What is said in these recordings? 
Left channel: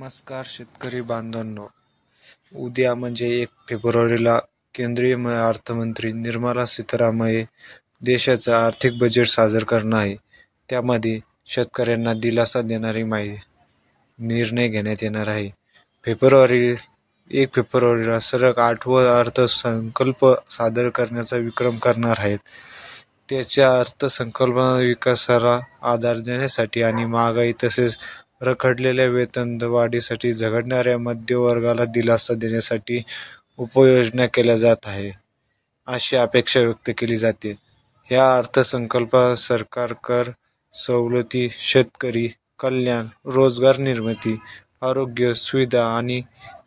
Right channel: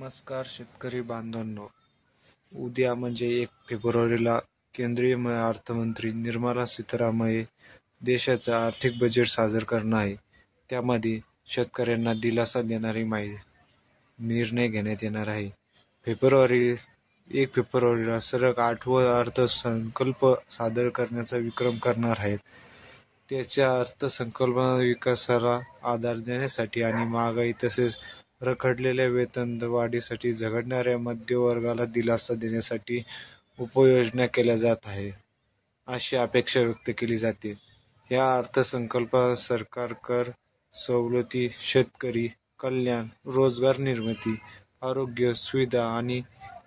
नमस्कार शेतकरी बांधवांनो, उद्या म्हणजे 1 फेब्रुवारीला केंद्रीय अर्थमंत्री निर्मला सीतारामन देशाचं आर्थिक बजेट सादर करणार आहे. त्यामध्ये शेतकऱ्यांना दिलासा देणारी निर्णय घेण्यात येणार आहे. 1 फेब्रुवारीला सलग 8वा अर्थसंकल्प सादर करण्याचा विक्रम करणार आहेत. त्याच्या अर्थसंकल्पात विकासाला आधार देण्यासाठी आणि महागाई तसेच रखडलेल्या वेतनवाढीसाठी झगडणाऱ्या मध्यमवर्गाला दिलासा देण्यासाठी उपाययोजना केल्या जात आहे, अशी अपेक्षा व्यक्त केली जाते. या अर्थसंकल्पात सरकार कर सवलती, शेतकरी कल्याण, रोजगार निर्मिती, आरोग्य सुविधा आणि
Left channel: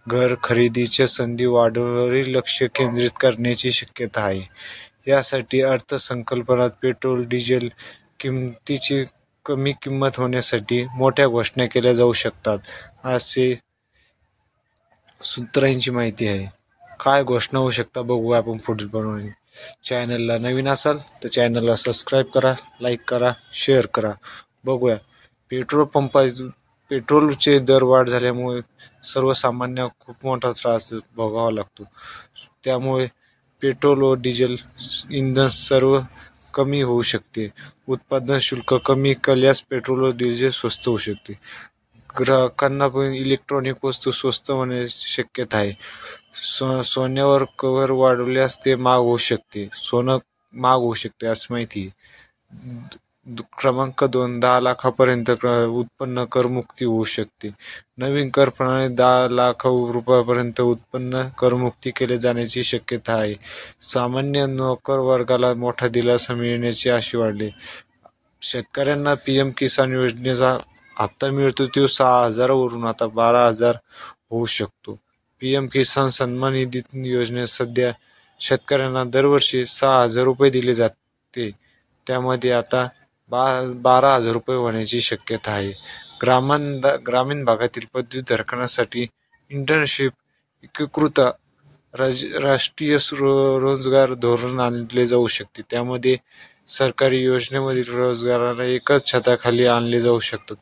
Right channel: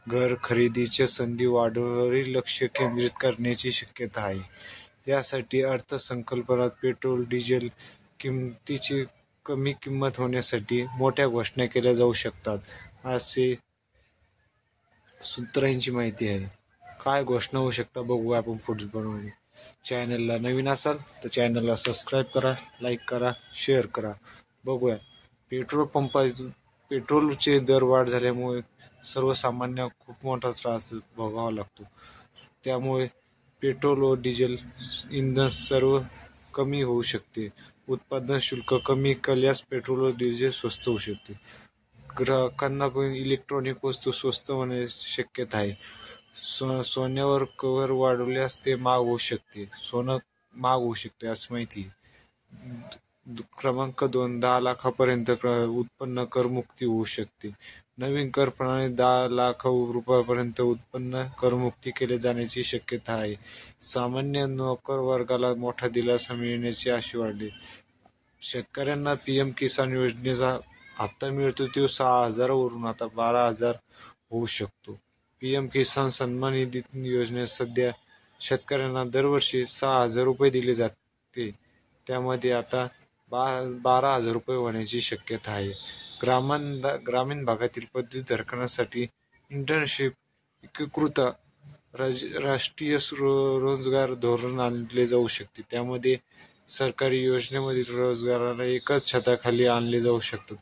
घर खरेदीच्या संधी वाढवण्यावर लक्ष केंद्रित करण्याची शक्यता आहे. यासाठी अर्थसंकल्पात पेट्रोल, डिझेल किमतीची कमी किंमत होण्यासाठी मोठ्या घोषणा केल्या जाऊ शकतात, असे सूत्रांची माहिती आहे. काय घोषणा होऊ शकतात बघूया आपण पुढील प्रमाणे. चॅनलला नवीन असाल तर चॅनलला सबस्क्राईब करा, लाईक करा, शेअर करा. बघूया. पेट्रोलचे दर वाढ झाल्यामुळे सर्वसामान्य खूप मोठा त्रास भोगावा लागतो. त्यामुळे पेट्रोल व डिझेल इंधन सर्व कमी होऊ शकते. उत्पादन शुल्क कमी केल्यास पेट्रोल व डिझेल स्वस्त होऊ शकते. ग्राहकांना पण इलेक्ट्रॉनिक वस्तू स्वस्त होण्याची शक्यता आहे. सोन्यावर कर वाढवल्यास ते महाग होऊ शकते. सोनं महाग होऊ शकते असं माहिती आहे. क्रमांक 2, 10 लाखापर्यंत उत्पन्न करमुक्ती होऊ शकते. नवीन कर प्रणाली 10 लाख रुपयापर्यंत उत्पन्न करमुक्ती केले जाण्याची शक्यता आहे. सामान्य नोकर वर्गाला मोठा दिलासा मिळण्याची आशा वाढली. शेतकऱ्यांना पीएम किसान योजनेचा हप्ता मिळतो तो 6,000 वरून आता 12,000 होऊ शकतो. पीएम किसान सन्मान निधी योजनेत सध्या शेतकऱ्यांना दरवर्षी 6,000 रुपये दिले जाते. त्यामध्ये आता 12,000 रुपये होण्याची शक्यता आहे. ग्रामीण भागातील पदवीधरांसाठी इंटर्नशिप एकीकृत राष्ट्रीय रोजगार धोरण आणले जाऊ शकते. त्यामध्ये सरकारी योजनेमधील रोजगाराला एकाच छताखाली आणले जाऊ शकतात.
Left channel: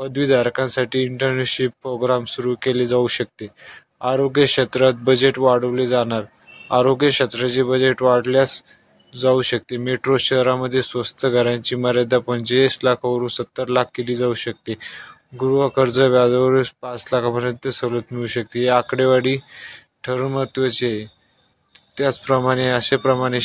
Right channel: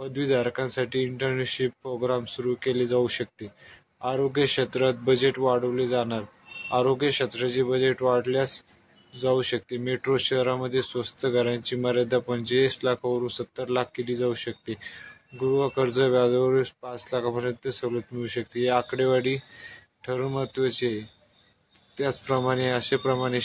पदवीधारकांसाठी इंटर्नशिप प्रोग्राम सुरू केले जाऊ शकते. आरोग्य क्षेत्रात बजेट वाढवले जाणार. आरोग्य क्षेत्राचे बजेट वाढवल्यास जाऊ शकते. मेट्रो शहरामध्ये स्वस्त घरांची मर्यादा 45 लाखावरून 70 लाख केली जाऊ शकते. गृहकर्ज व्याजावर 5 लाखापर्यंत सवलत मिळू शकते. ही आकडेवारी ठरवून महत्त्वाची आहे. त्याचप्रमाणे